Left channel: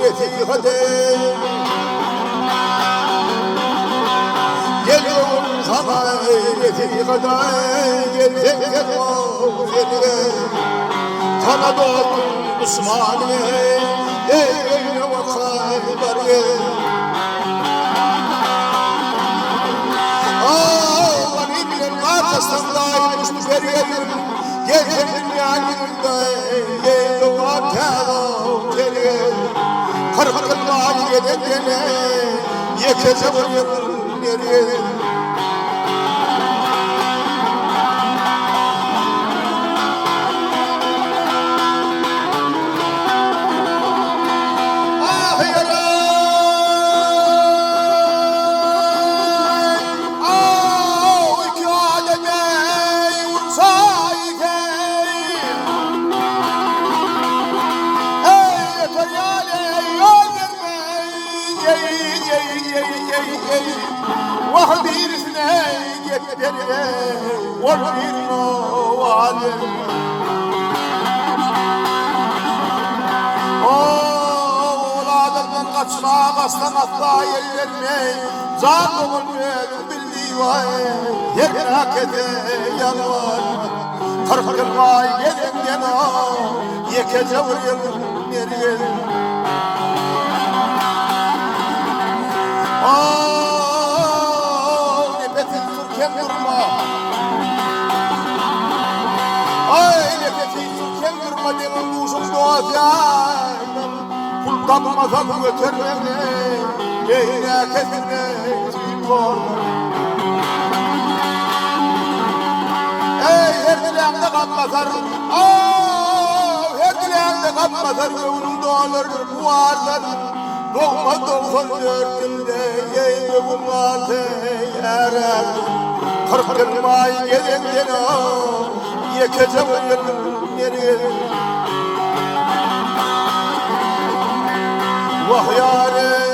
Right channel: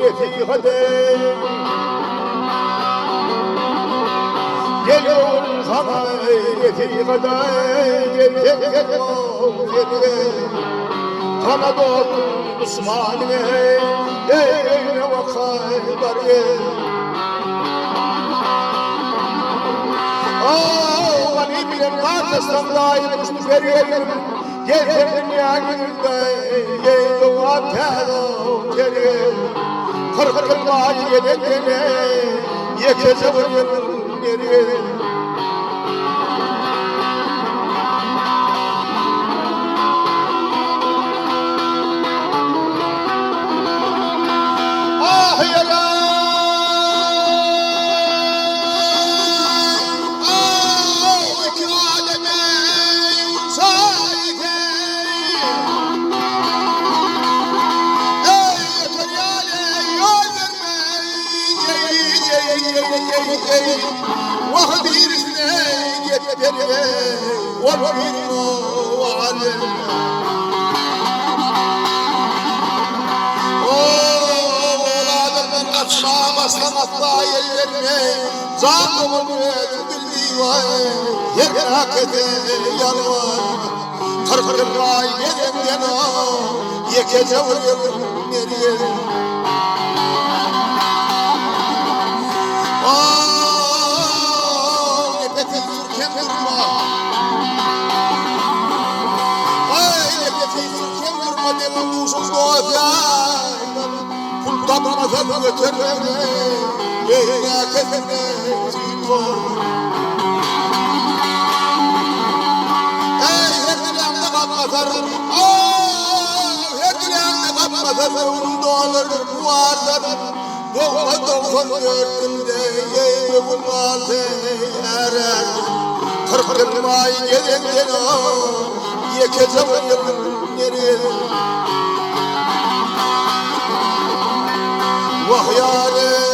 neti hadi geliyorum sana neti kadar gelecek seni sana doğdum Müslüman'ı eyle vakaylar Ağlanı bilen arkasından dairmişti veriyorum Gecenin yanında yeğde vakaylar Kırkırlar yedekene yekece vuruyorum nereye Vahbirisine yeteriye Vahbirino valim Oğladından kaçmak aslan atla yer vermey Zanımın bildiği var Yekrak ede yalvar Kırkırma yedim gena Yekece vuruyorum nereye Kapmadan götür beni Yeyine kesine çıkıyor Ey her dileğimde kapmasar Her dileğimde kapmasar Onun doğaları vardır Doğma 94'ünde Yeyine bunlardı erer 40 yılmay gelin gene Yekece vuruyorum nereye Vah yârim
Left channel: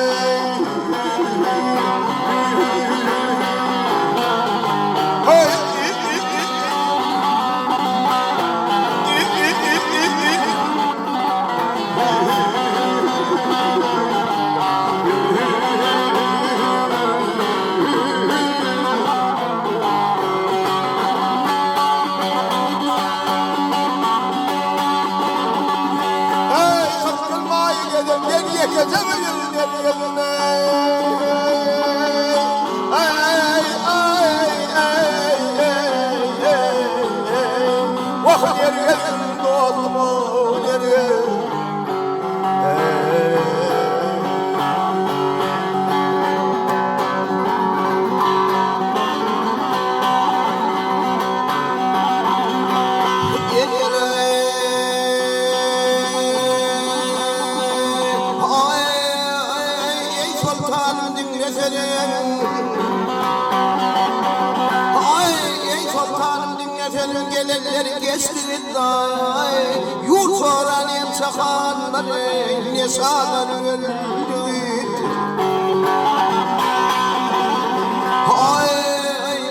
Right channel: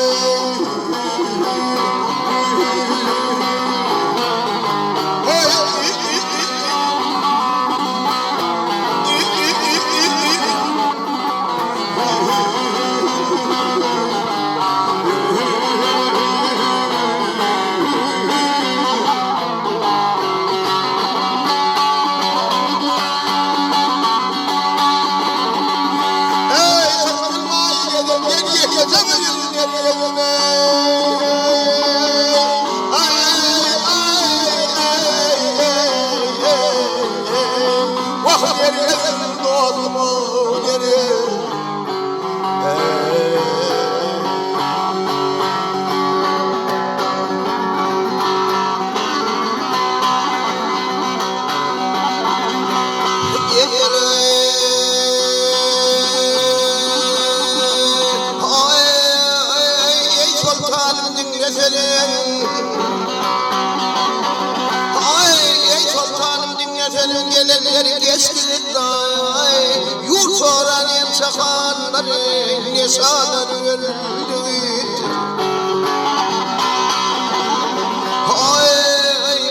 Gelenleri geçti day Yurt soran en çakanları Neşadan öldü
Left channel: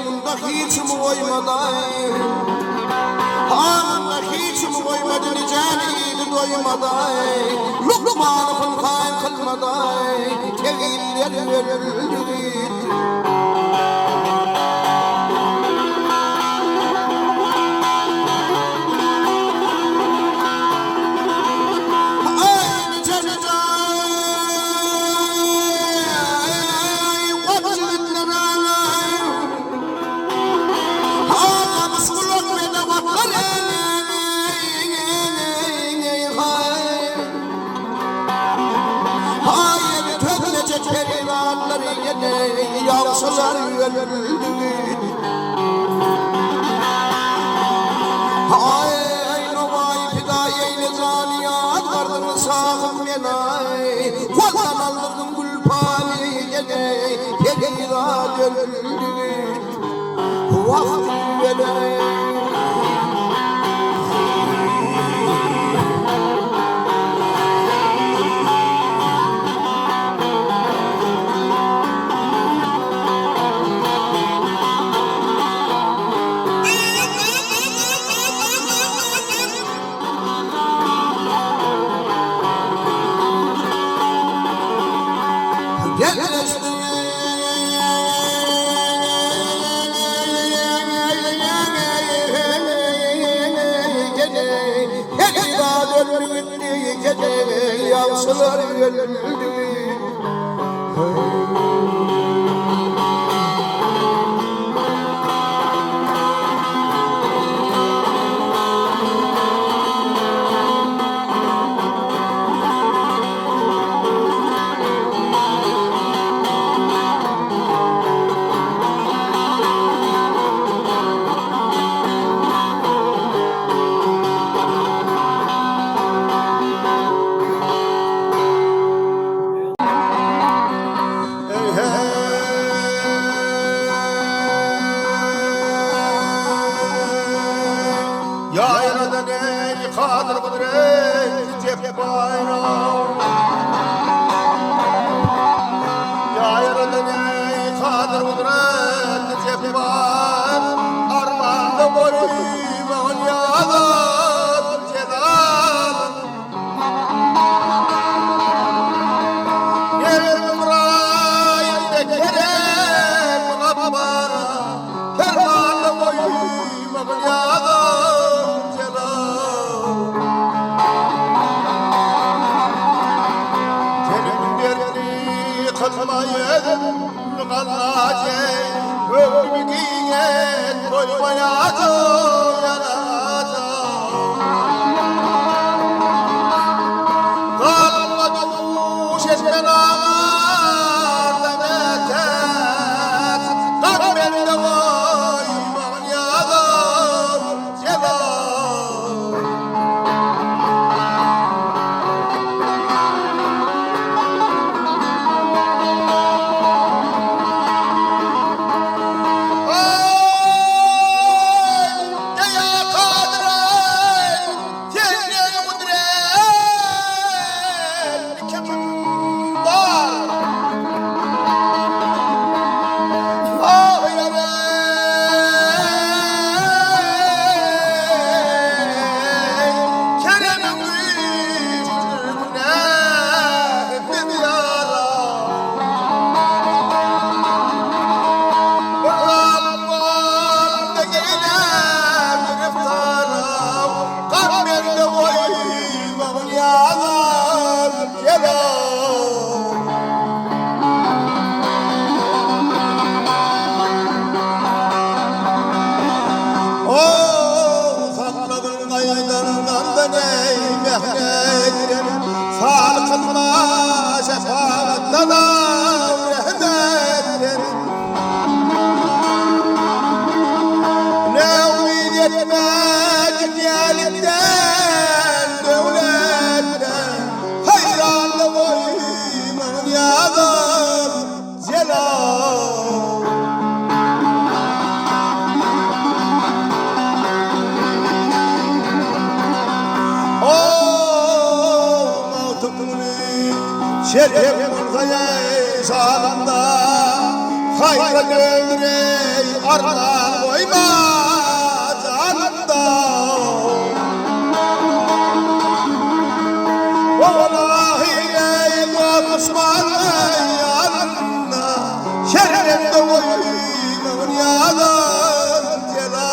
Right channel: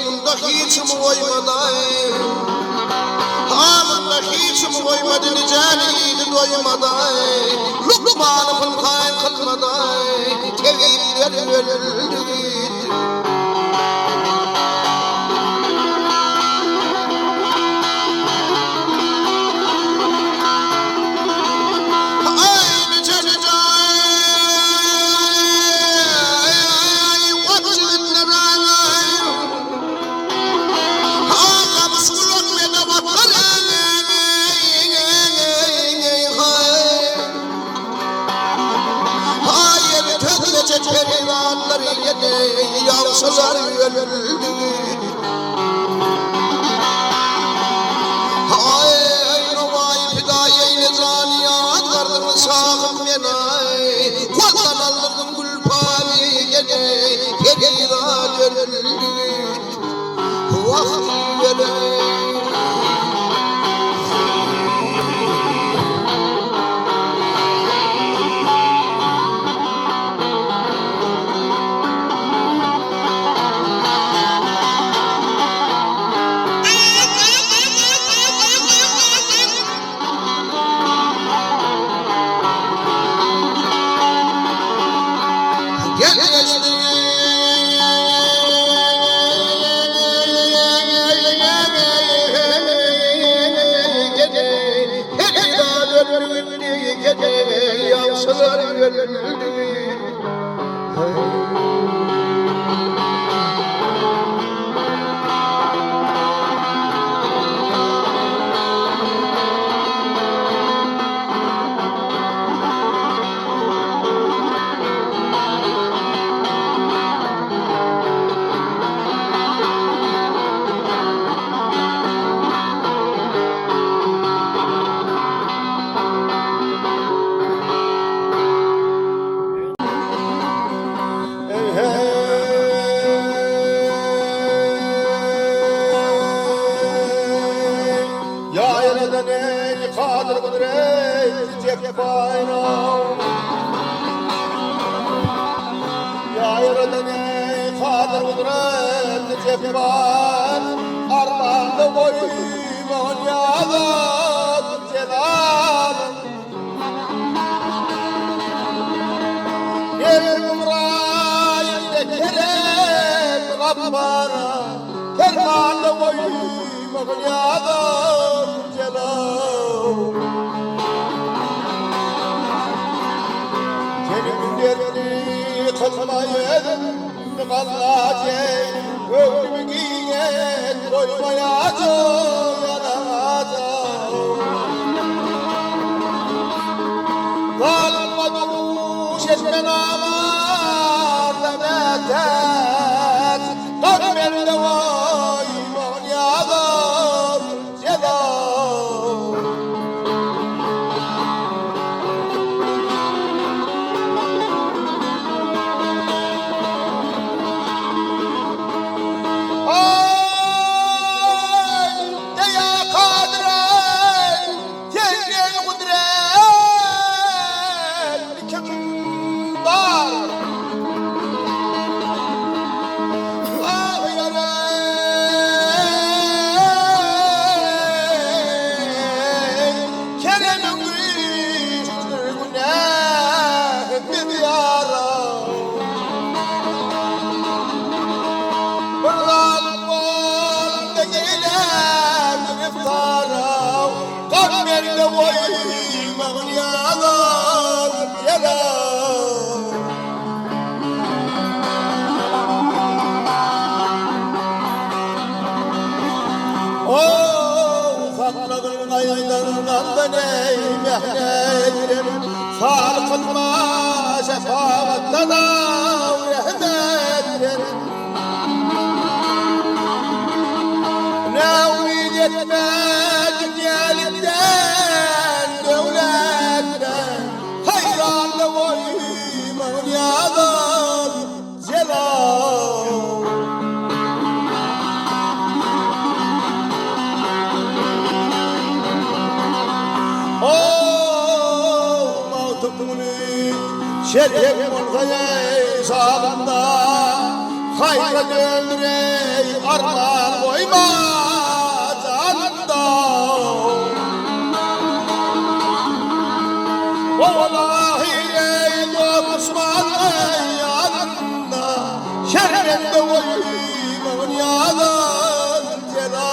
Bunda hiç mi koymaday Hamında hiç mi koymadın Caniydi doymaday Lukman'ı fınkayn kılmaday Teviller öldü Yavşalar öldü Ay novay fidayeyne caniyat Vardın sağım yenay Valdan aldırdım gülpari gene Perirat öldü Vakti gene Gel resmine gece yansılar gönlümde. Şerif olgaya sağında hayra döndürey armağan koyma canında. Vallahi ey Osman yanında şerif de koyma dünyadan celal.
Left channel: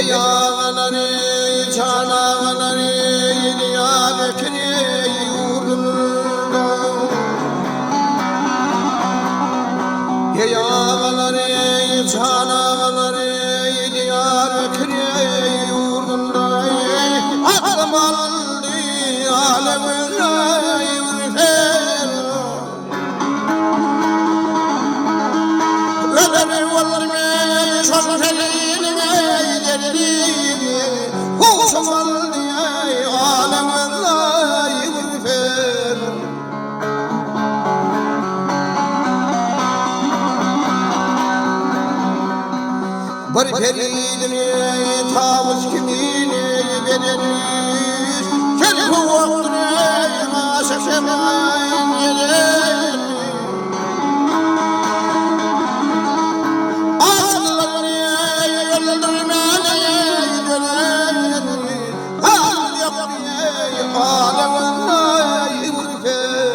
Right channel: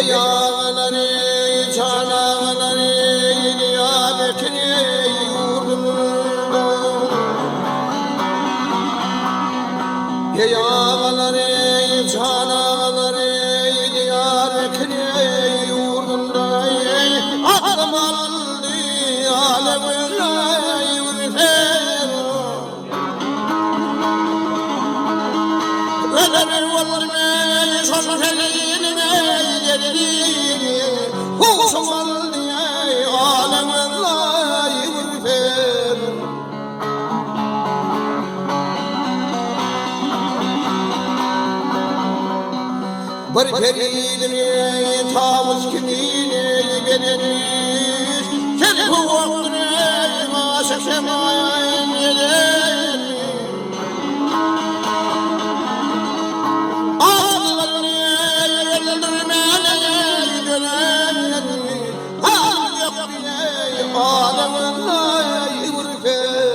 yağları çanağları niyadetini yurdunda yağları çanağları niyadetini yurdunda aklım aldı alemine yürüfer öleri olmuş olfeline huşum aldı alemine yürüfer bir peridini tavus kimini verilmiş kelip vaktini aşık şemen yelir ağzılarını yıldırmene yürür ağzı yaptığını alemine yürüfer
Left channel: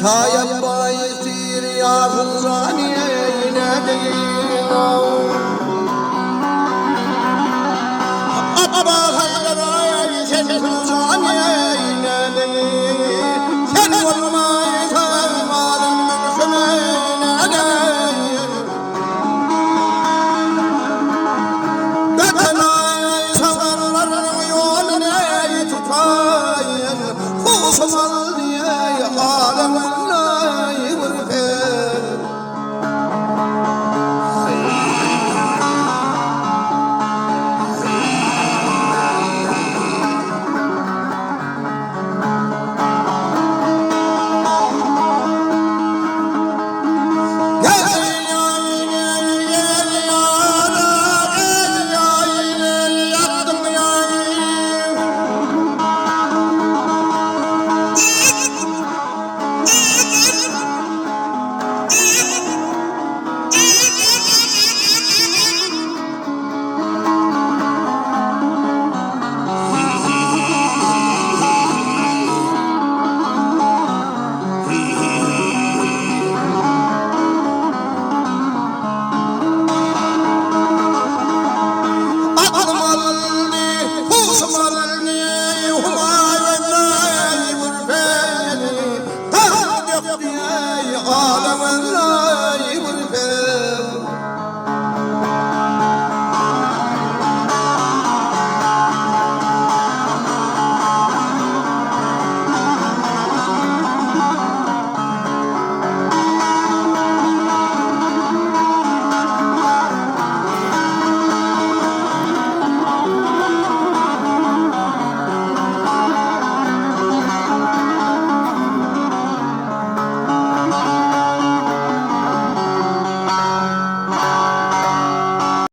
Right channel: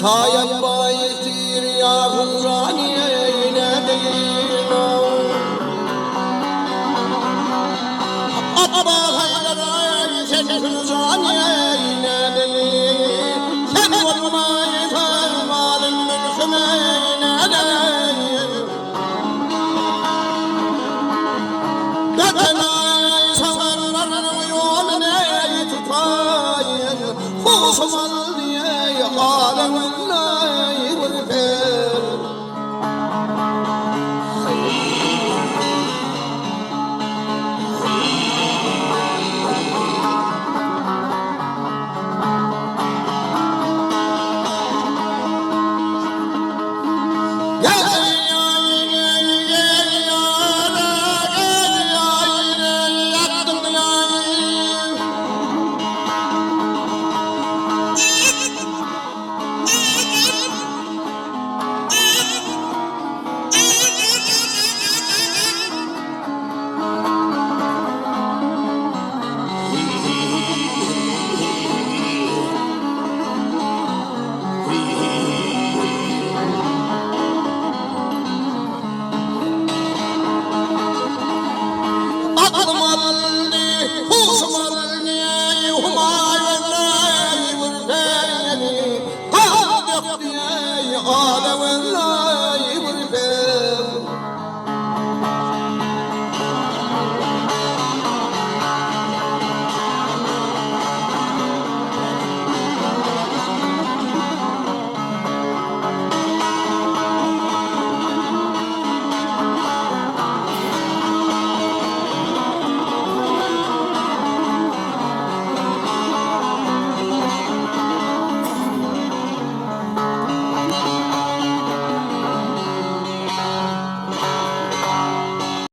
Şayet bayittir ya huzaniye değil Abba hayra sen huzaniye değil Sen olmayı kalmadın mümkümene değil Götünay savarların yolunu tutayım Kuşum al diye alemin Ağlamın